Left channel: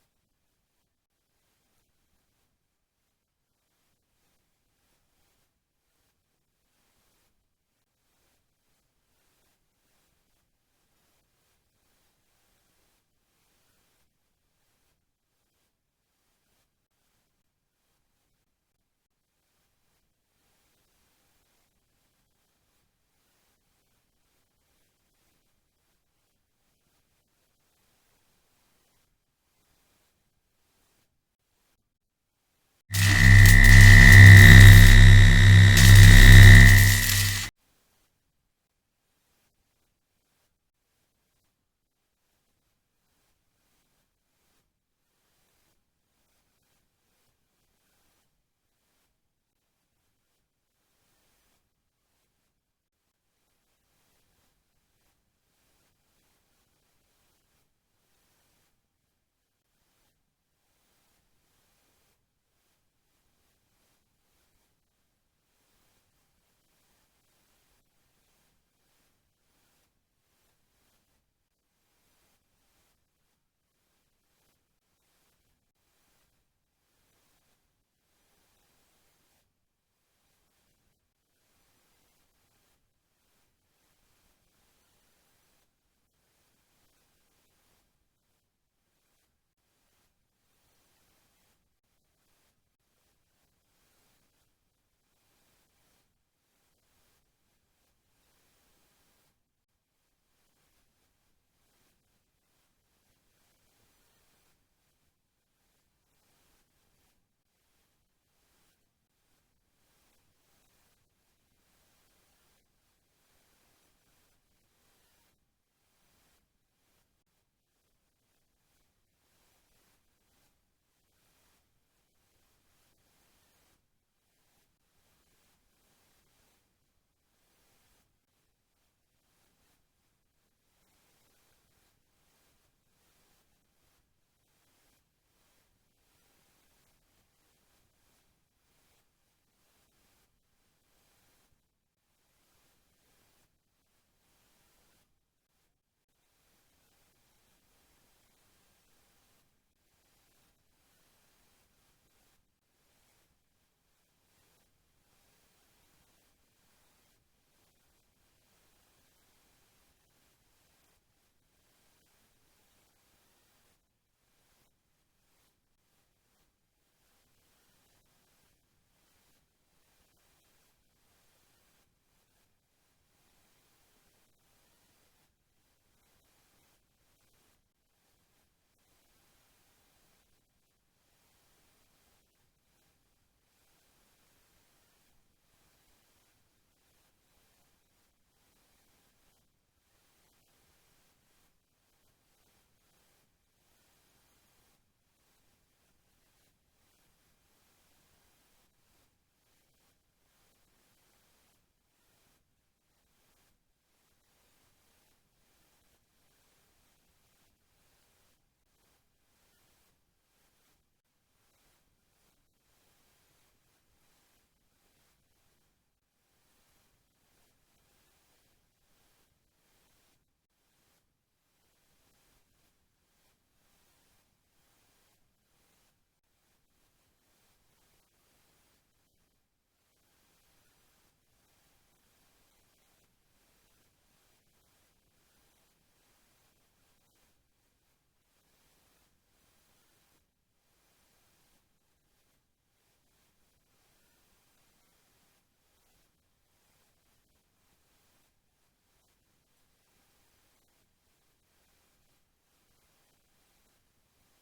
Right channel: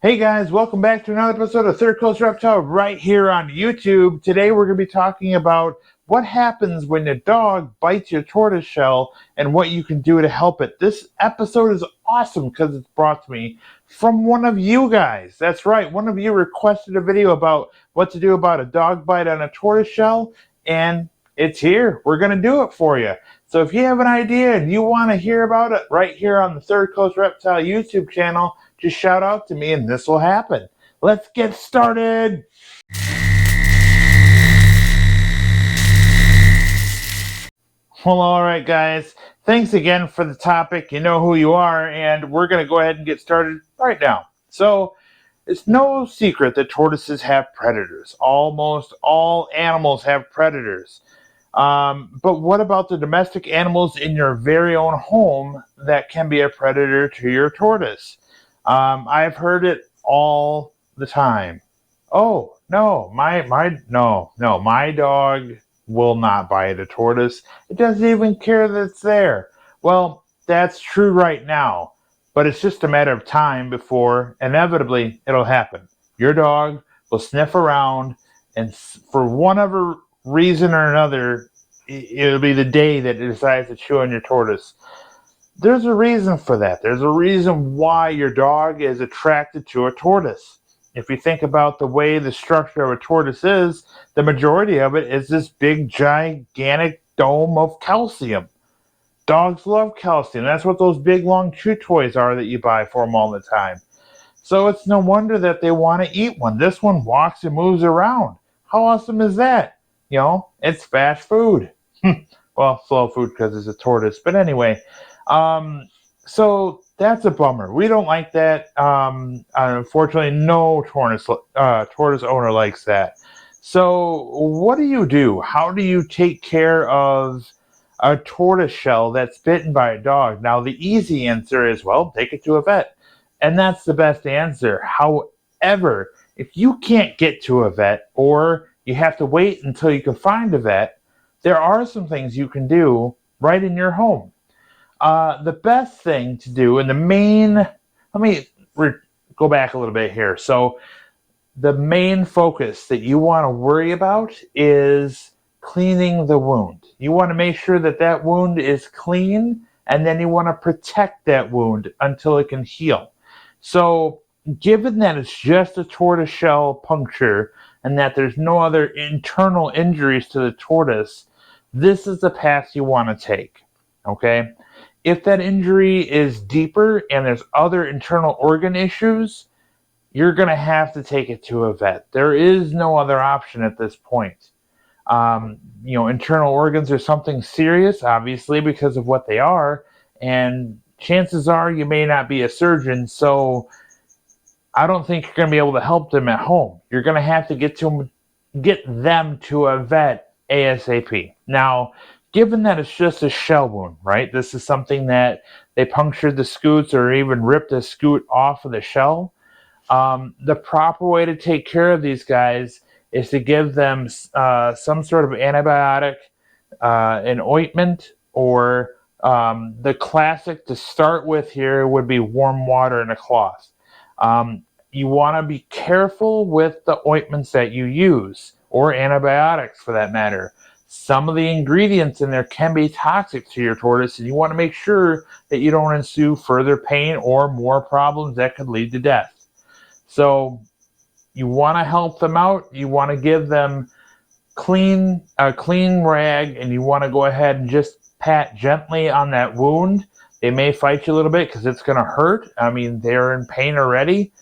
Hey guys, welcome back to another episode of Third Coast Reptile right here on YouTube. Today we're going to be talking about what happens when a dog bites your tortoise shell and what you can do to help it. This episode is awesome because it's brought to me from one of you guys. That's right, one of you requested a video about what to do about a dog bite on a tortoise shell, and it's here. We're going to do it for you. So if you have an idea and you want to hear about it right here on the Third Coast Reptile YouTube channel, just shout out to me and this will happen. Let's get started. Well, all right, guys. Thanks again for the topic. You know who you are, and we're going to go ahead and get started right now. So, it's no secret that tortoises have predators. Almost all animals have predators. But what about the domestic animals in your very own home that can be a predator to your tortoise? I've heard it all the time. Oh no, my dog will not bite a tortoise. It doesn't even care that it's there. Well, that's true right now, but it's just a matter of time before inevitably it'll happen. Your dog will sniff around, and for one other reason or another, it'll be the day that it decides to chew on your tortoise. There's a reason for that. There's a reason why your dog is attracted to a tortoise. If you think about the way the structure of a tortoise is, the majority of it is this big, gigantic dome of calcium. Dogs love calcium. That's what those big, long chew toys are that you buy for them all the time. So it's no wonder that they want to eat one. This one walks and moves around. How awesome is that? It's fast food. Well, slow food because it's a tortoise. But anyway, um, so that's a bummer. We don't like that. Unfortunately, no tortoise owner likes that. So what do you do? How do you take care of a tortoise shell that's bitten by a dog? Now, the easy answer is, well, take it to a vet. And that's the best answer. However, if you can't get to a vet or you have to wait until you can find a vet, there are some things you can do right in your home. The best thing to do, and let me go back a little bit here. So, the main focus that you want to worry about is cleaning the wound. You want to make sure that that wound is clean, and then you want to protect that wound until it can heal. So, given that it's just a tortoiseshell puncture and that there's no other internal injuries to the tortoise, this is the path you want to take. Okay? If that injury is deeper and there's other internal organ issues, you're going to have to take it to a vet. There is no other option at this point. Internal organs are something serious, obviously, because of what they are, and chances are you may not be a surgeon, so I don't think you're going to be able to help them at home. You're going to have to get them to a vet ASAP. Now, given that it's just a shell wound, right? This is something that they punctured the scutes or even ripped the scute off of the shell. The proper way to take care of these guys is to give them some sort of antibiotic, an ointment, or the classic to start with here would be warm water and a cloth. You want to be careful with the ointments that you use, or antibiotics for that matter. Some of the ingredients in there can be toxic to your tortoise, and you want to make sure that you don't ensue further pain or more problems that could lead to death. So you want to help them out. You want to give them a clean rag, and you want to go ahead and just pat gently on that wound. They may fight you a little bit because it's going to hurt. I mean, they're in pain already.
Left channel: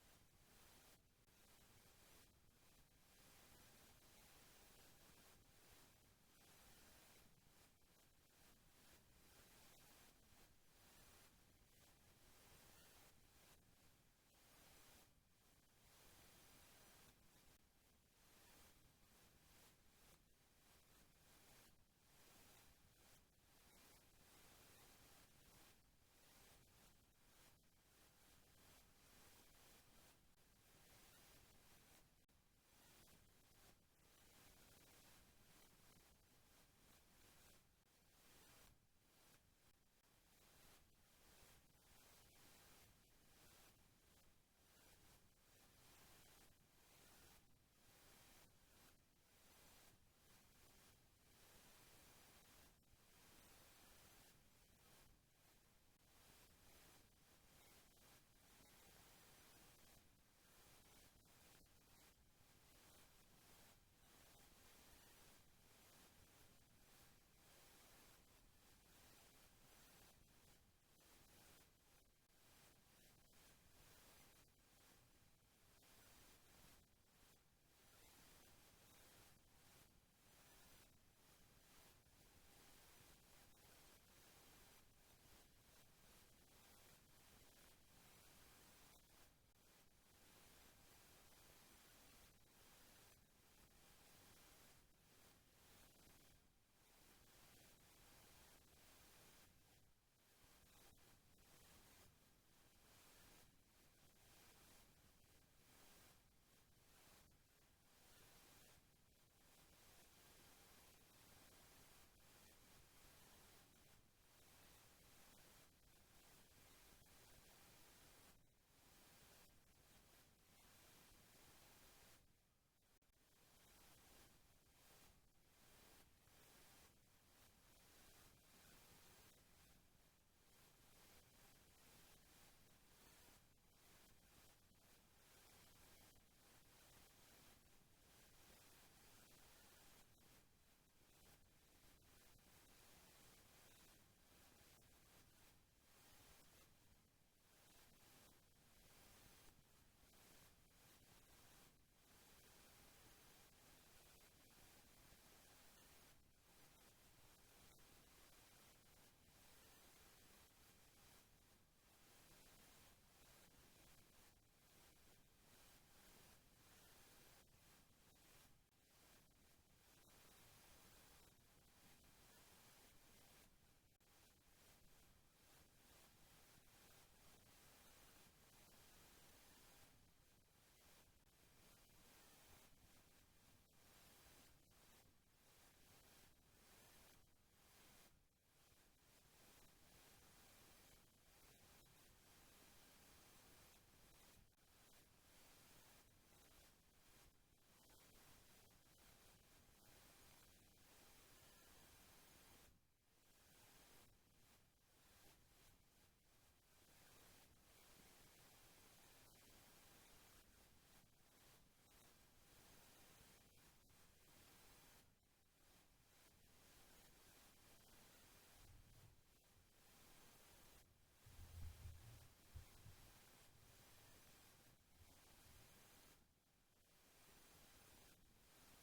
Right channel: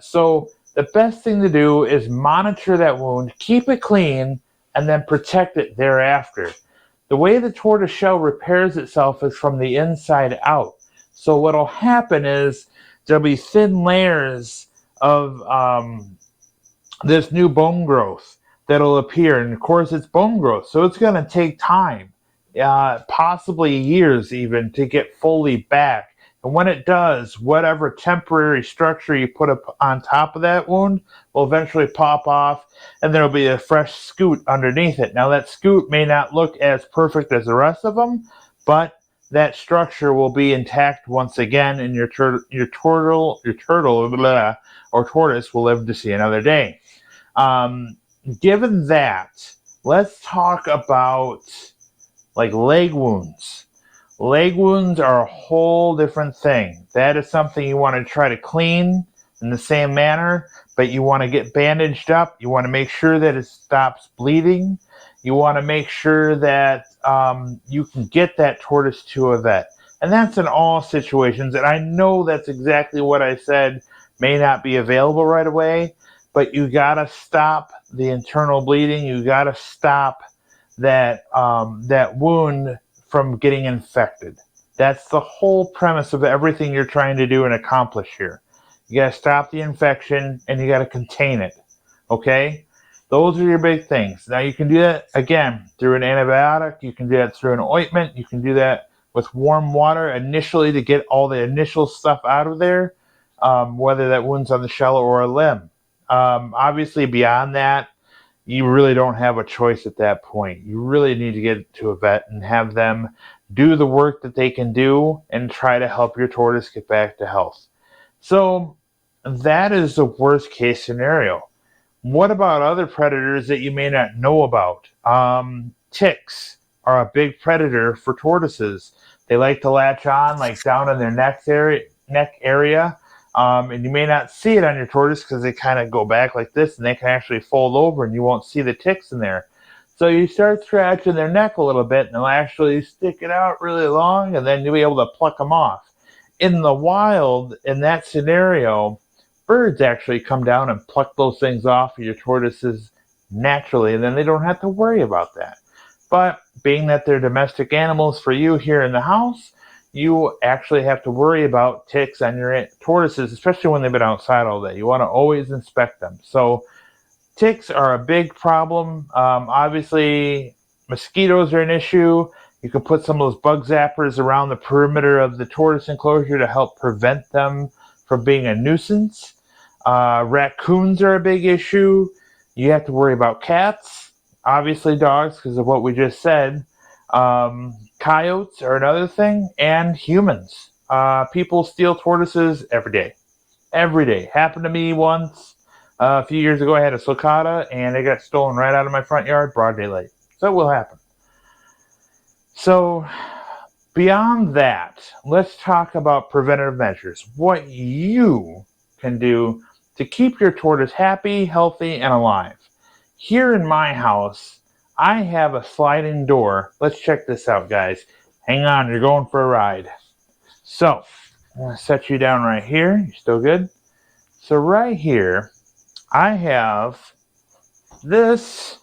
So the best thing to do is monitor that wound, keep it clean, and then protect it thereafter. The way the tortoise shell repairs itself is from the inside out. So what'll happen is there'll be thin layers of this new bone growth that'll appear. And of course, it's bone growth, so it's going to take time, possibly years even, to get fully back. And when it does, whatever temporary structure you put up on top of that wound will eventually pop off, and there'll be a fresh scute underneath it. Now, that scute may not look as perfect as the rest of them, but that structure will be intact once again, and your turtle, blah, or tortoise will live to see another day. Um, Given that, let's talk about like leg wounds. Leg wounds are a whole different thing. That is something you want to try to clean in the same manner, but you want to get bandaged up. You want to make sure that it stops bleeding. You want to make sure that you can get that tortoise to a vet. And that's in all situations. And I know that's exactly what I said may not be available right away, but you got to stop the internal bleeding. You got to stop that wound from getting infected. That's the whole premise of everything you're trying to do and accomplish here. You got to stop the infection and you got to contain it. Okay? Those are your big things. Now, you can do that again through an antibiotic. You can do that through an ointment. You can do that with warm water initially to get all the initial stuff out of there, whether that wound's on the shell or a limb. Obviously, beyond that, you really don't have a choice at that point. You really need to get to a vet and have them do the work that they can do and try to help your tortoise get back to health. So that is the worst case scenario. What about other predators that you may not know about? Ticks are a big predator for tortoises. They like to latch on like down in their neck area. And you may not see it on your tortoise because they kind of go back like this and they can actually fold over and you won't see the ticks in there. So you start scratching their neck a little bit and they'll actually stick it out really long and then you'll be able to pluck them off. In the wild, in that scenario, birds actually come down and pluck those things off of your tortoises naturally, and then they don't have to worry about that. But being that they're domestic animals for you here in the house, you actually have to worry about ticks on your tortoises, especially when they've been outside all day. You want to always inspect them. So ticks are a big problem. Obviously, mosquitoes are an issue. You can put some of those bug zappers around the perimeter of the tortoise enclosure to help prevent them from being a nuisance. Raccoons are a big issue. You have to worry about cats, obviously dogs because of what we just said. Coyotes are another thing, and humans. People steal tortoises every day. Every day. Happened to me once. A few years ago, I had a sulcata, and it got stolen right out of my front yard, broad daylight. So it will happen. So beyond that, let's talk about preventative measures. What you can do to keep your tortoise happy, healthy, and alive. Here in my house, I have a sliding door. Let's check this out, guys. Hang on, you're going for a ride. So, I'm going to set you down right here. You still good? So right here, I have this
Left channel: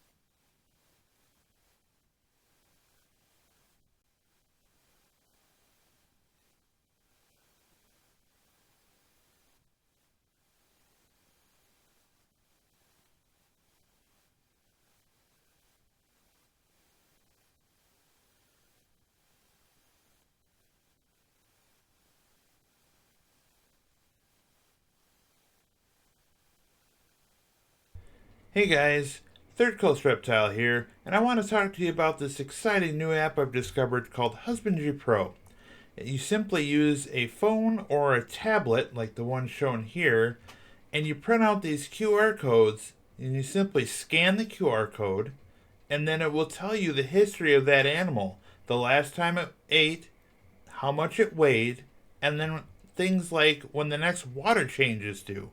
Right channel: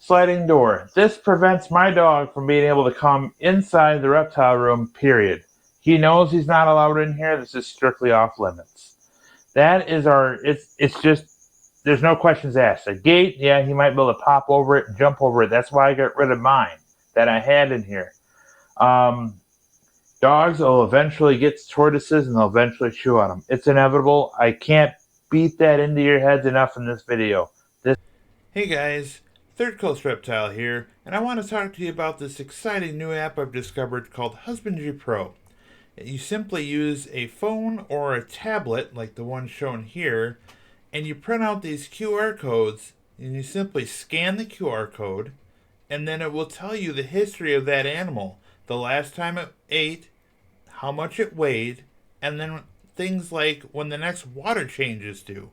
sliding door. This prevents my dog from being able to come inside the reptile room, period. He knows he's not allowed in here. This is strictly off limits. That is it's just, there's no questions asked. A gate, yeah, he might be able to pop over it and jump over it. That's why I got rid of mine that I had in here. Dogs will eventually get tortoises and they'll eventually chew on them. It's inevitable. I can't beat that into your heads enough in this video. Hey guys, Third Coast Reptile here, and I want to talk to you about this exciting new app I've discovered called Husbandry Pro. You simply use a phone or a tablet like the one shown here, and you print out these QR codes, and you simply scan the QR code, and then it will tell you the history of that animal, the last time it ate, how much it weighed, and then things like when the next water change is due.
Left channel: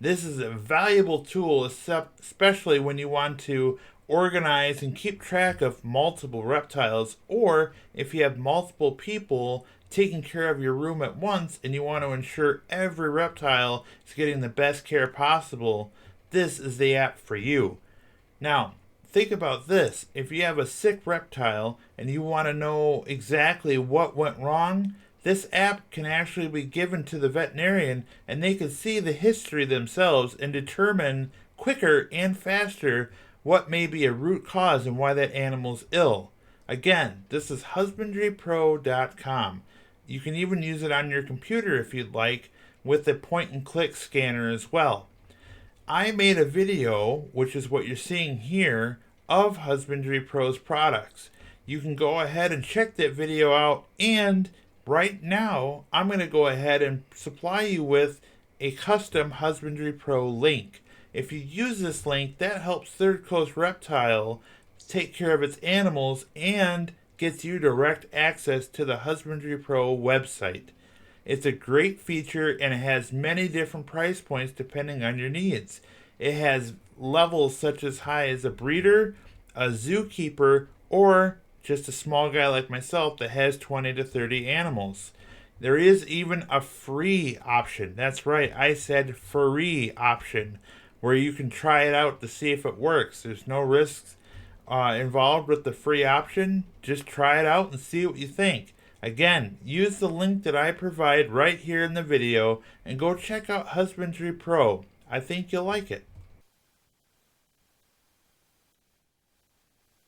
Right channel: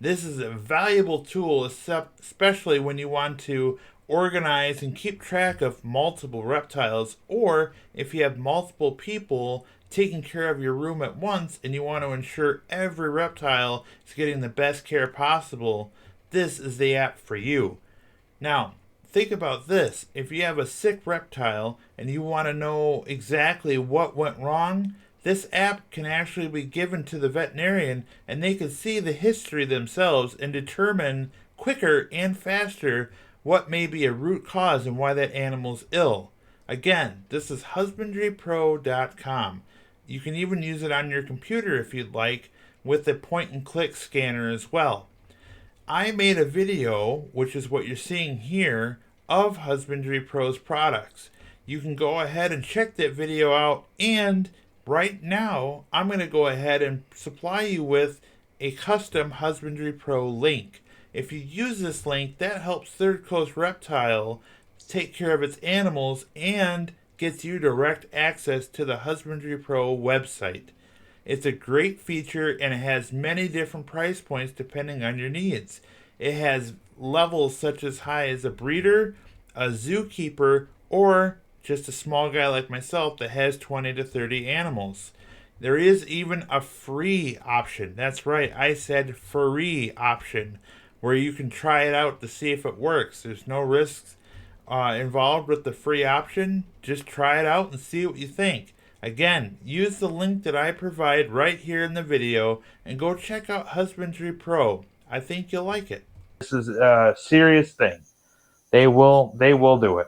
This is a valuable tool, especially when you want to organize and keep track of multiple reptiles, or if you have multiple people taking care of your room at once and you want to ensure every reptile is getting the best care possible. This is the app for you. Now, think about this. If you have a sick reptile and you want to know exactly what went wrong, this app can actually be given to the veterinarian and they can see the history themselves and determine quicker and faster what may be a root cause and why that animal's ill. Again, this is husbandrypro.com. You can even use it on your computer if you'd like with a point and click scanner as well. I made a video, which is what you're seeing here, of Husbandry Pro's products. you can go ahead and check that video out. And right now, I'm going to go ahead and supply you with a custom Husbandry Pro link. If you use this link, that helps Third Coast Reptile take care of its animals and gets you direct access to the Husbandry Pro website. It's a great feature and it has many different price points depending on your needs. It has levels such as high as a breeder, a zookeeper, or just a small guy like myself that has 20 to 30 animals. There is even a free option. That's right, I said free option, where you can try it out to see if it works. There's no risks involved with the free option. Just try it out and see what you think. Again, use the link that I provide right here in the video and go check out Husbandry Pro. I think you'll like it. This is a serious thing. They will do it.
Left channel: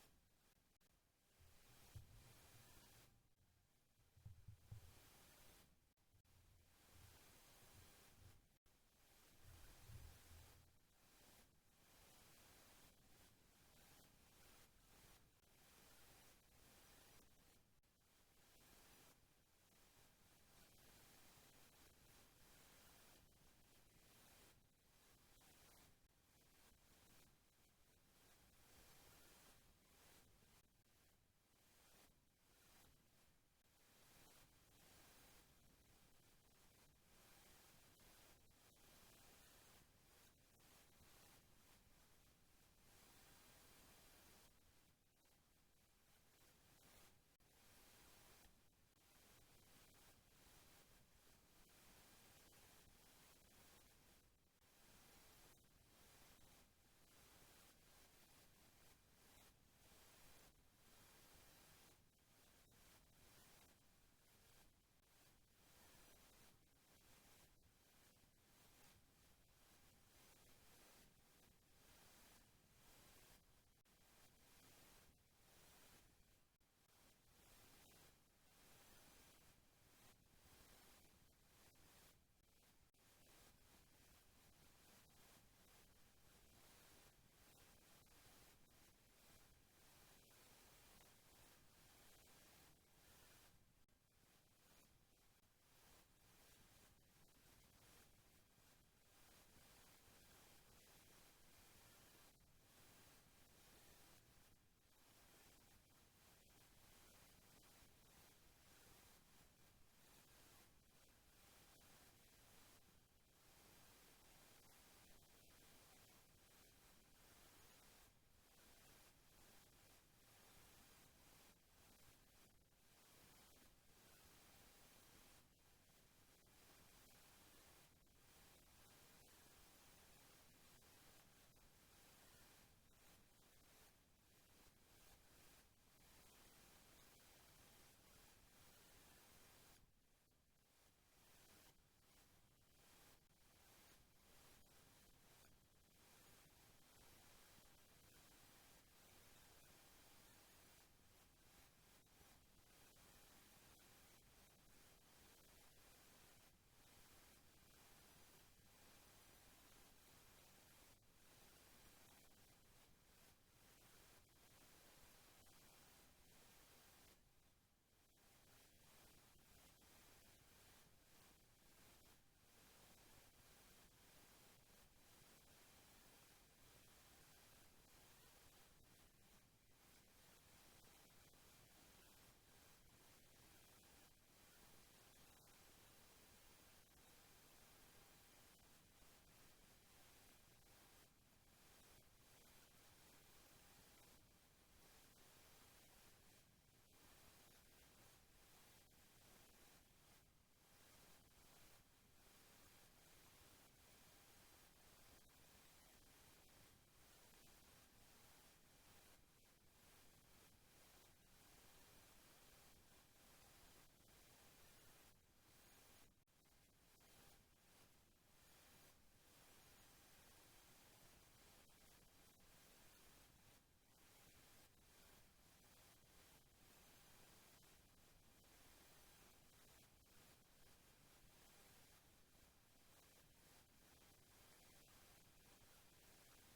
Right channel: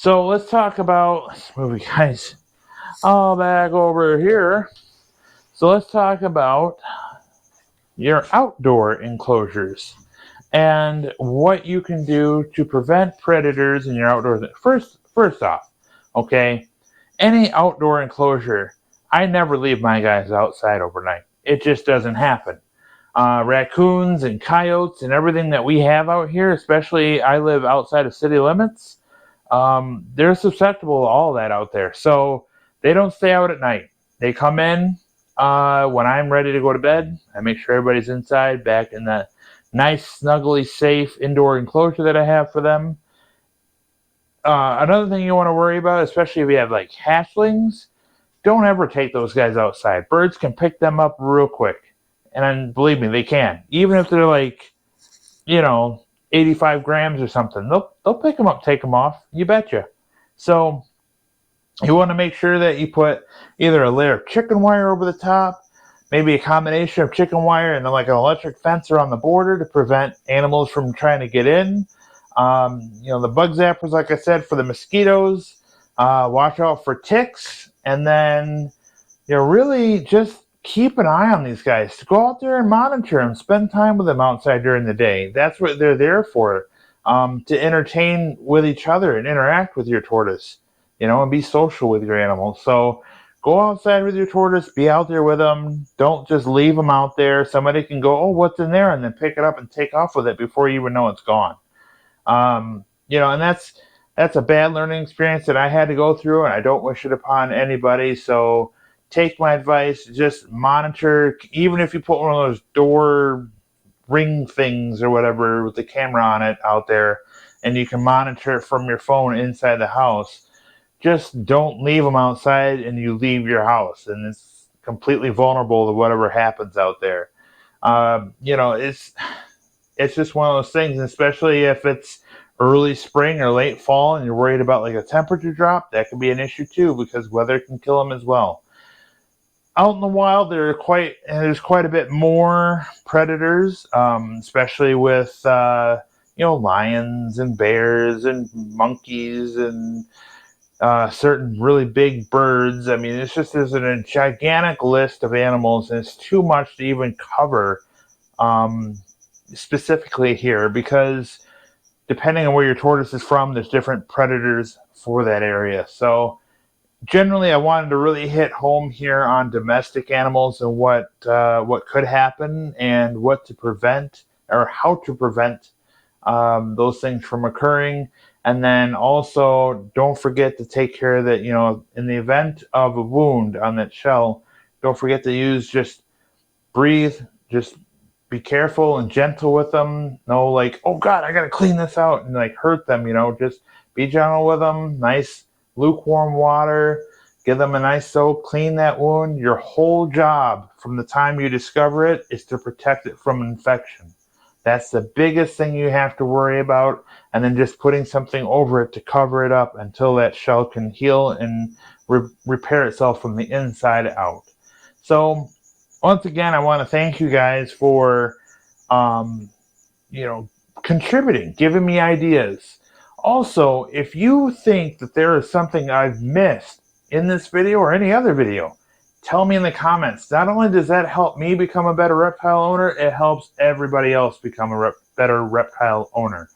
So let's talk about, let's move you guys all back over here. So let's talk about your outdoor enclosures and what you can do to prevent predators in your outdoors. First off, okay, any outdoor enclosure, I never leave my guys outside overnight. It just doesn't happen. Raccoons and coyotes and everything that we have out here, especially I live outside of city limits, they're susceptible to all that out there. So they don't stay out at night. They come in when I'm ready to go to bed. I make sure everybody's inside, back in that nice, snuggly, safe indoor enclosure that I have for them. Another thing you want to worry about, especially if you have like hatchlings, don't ever take those guys outside. Birds can pick them up real quick. And then, believe me, they can. Even if they're like, 85 grams or something, they'll pick them up, take them off. You betcha. So you want to make sure that you put either a layer of chicken wire over the top, maybe a combination of chicken wire and then like an electric fence around the border to prevent animals from trying to get in. The bug zappers, like I said, for the mosquitoes. Watch out for ticks. And then, really just keep an eye on these guys. Go out there and monitor them. Spend time with them outside during the day. That's what they're there for, to entertain with each other and interact with your tortoise, and be social with your animals. So go outside with your tortoise. Be out there with them. Don't just leave them out there. Somebody can go, oh, what's in there? And then pick it up and take off with it before you even know it's gone. And that's a bad learning experience that I had to go through, and I don't wish it upon anybody. So take my advice, just monitor, even if you put one of those door ring things or whatever with the camera on it out there, and you can monitor it from your phone inside the house. Just don't leave them outside and you leave your house, and it's completely vulnerable to whatever happens out there. It's just one of those things, especially if it's early spring or late fall and you're worried about like a temperature drop. That can be an issue too, because weather can kill them as well. Out in the wild, there's quite a bit more predators, especially with lions and bears and monkeys and certain really big birds. I mean, there's a gigantic list of animals, and it's too much to even cover specifically here, because depending on where your tortoise is from, there's different predators for that area. So generally, I wanted to really hit home here on domestic animals and what could happen and what to prevent, or how to prevent those things from occurring. And then also, don't forget to take care that, in the event of a wound on that shell, don't forget to just breathe, just be careful and gentle with them. No, like, oh God, I got to clean this out and like hurt them, just be gentle with them. Nice lukewarm water, give them a nice soak, clean that wound. Your whole job from the time you discover it is to protect it from infection. That's the biggest thing you have to worry about. And then just putting something over it to cover it up until that shell can heal and repair itself from the inside out. So once again, I want to thank you guys for, contributing, giving me ideas. Also, if you think that there is something I've missed in this video or any other video, tell me in the comments. Not only does that help me become a better reptile owner, it helps everybody else become a better reptile owner.